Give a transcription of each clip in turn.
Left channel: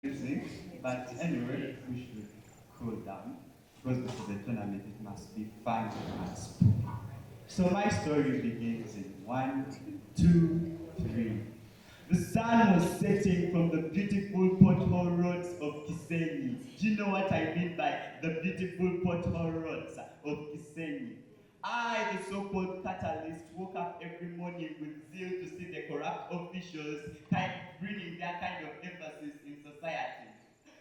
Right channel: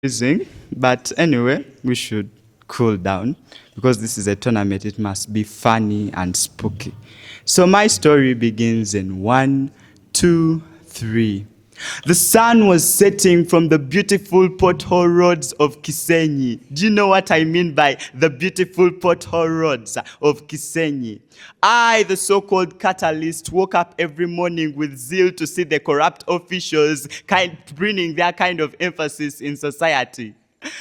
Freezing, but anyway, we should cool down because this is a tournament. It must be funny and spooky. So my story begins in one, two, three. The sun was setting from the beautiful pothole roads of Kisenyi. Do you know what I mean by the beautiful pothole roads of Kisenyi? I, the so-called catalyst, woke up every morning with zeal to see the corrupt officials bringing their kind of emphasis in society.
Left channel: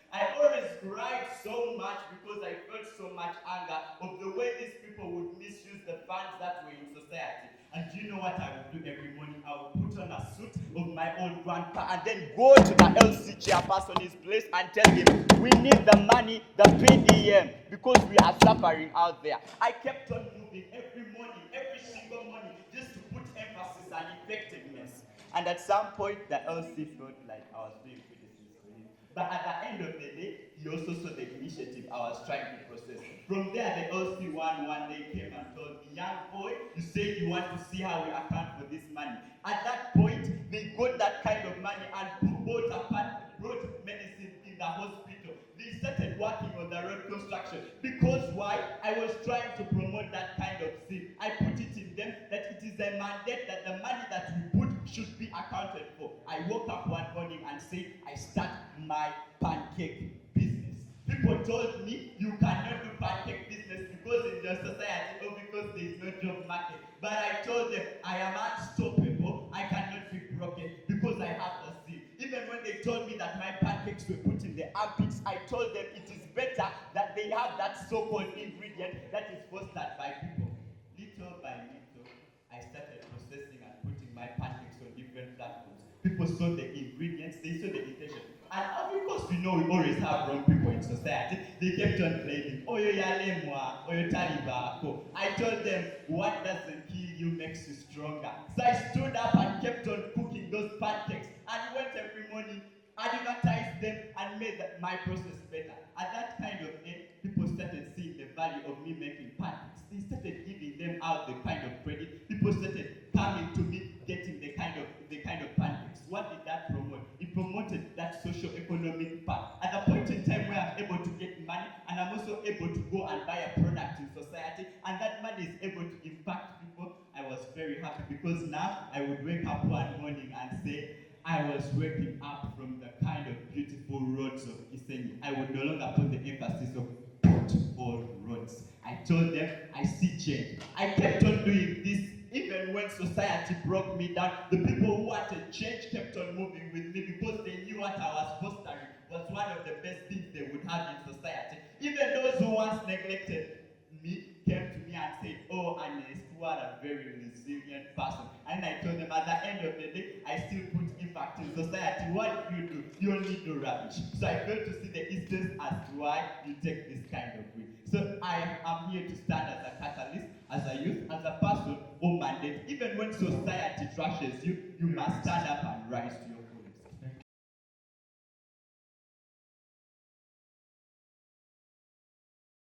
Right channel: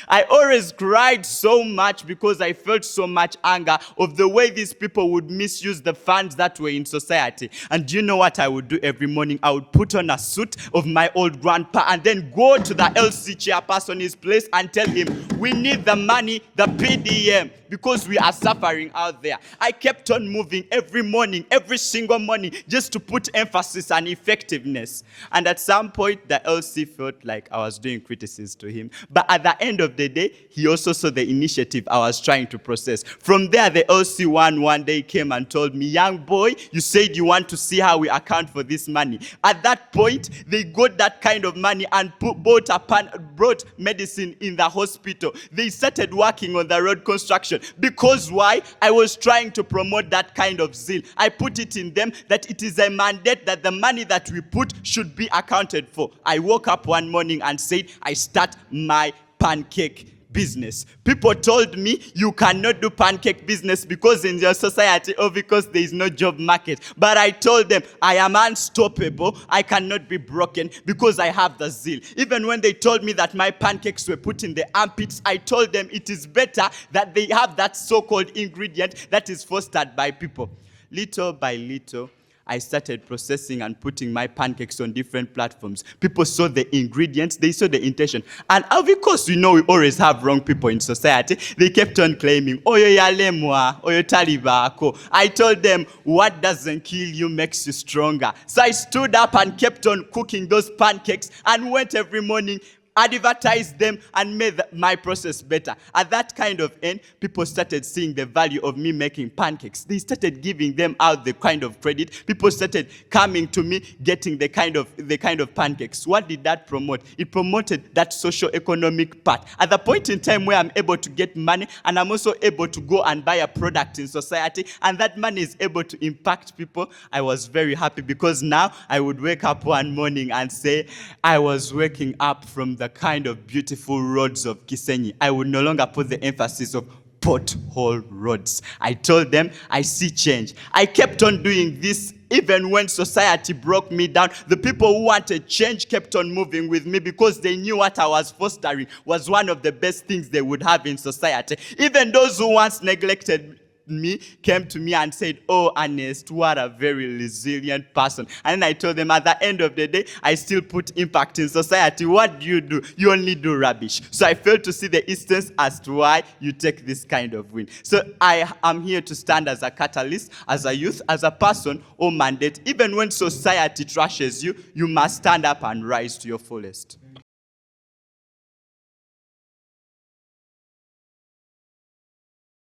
I always cried so much because I felt so much anger of the way these people would misuse the funds that were in society. And do you know what I would do every morning? I would put on a suit of my old grandpa and then go to the LC chairperson's place and tell him, we need the money, the PDM, because we are suffering out there. I kept on moving every morning, every single morning, just to put emphasis on effectiveness. And at some point, the LC felt like I was doing criticism to him. But at the end of the day, he also saw the initiative I was trying to process. From there, the LC one day came and told me, young boy, you said you want to see how we account for this money. At that point, they got that kind of money and brought medicine in the hospital. They started working on the road construction. Because why? I was trying to promote that kind of zeal. I put it in them that it is a mandate that the money that we put should be accounted for. I woke up one morning and said, I start my pancake business. People told me you cannot do pancake business because in your society or because there is no job market. But I told them I am unstoppable. I cannot be broken because I have the zeal. Even when they told me that my pancakes were put in the armpits, I told them it is better that they have that so-called ingredient that is fostered by people. Little by little, I started processing and putting my pancakes on different platforms. People saw the ingredients, they saw the intention. And of course, we know we always have wrong people in society. They kept on claiming, oyo yalemwa, oyo talibako. I told them, what doesn't kill you makes you stronger. So I stood up and kept on cooking those pancakes and went every morning, advertised them, and made my process better. At that kind of end, people started seeing the value of me making pancakes. They started giving them out the kind of credit. People started coming to me, getting the kind of pancakes. What did that promote? It promoted that socio-economic part. At the point in time where I'm able to get money, and I'm also able to go and buy a product in society, and that money is able to impact people, I was very happy because now I would wake up one morning and say, I was waking up from the kind of beautiful roads of Kisenyi. I would no longer put the emphasis of pothole roads. I told them, I see change. I kept on doing this even when society broke me down. The people who wanted change kept on moving with me because they knew what I was fostering was one of the best things they would have in society. Even those who once neglected me came to me and said, oh, Ernest, what a very resilient person. And I told them at the end of the day, I still put impact in society. What do? You only do rubbish. So I failed to see the instance as to why you take this kind of win. So I am here to stand as a catalyst, as a youth, as a person or mandate. Even when society trashes you, you must stand up and rise to your fullest.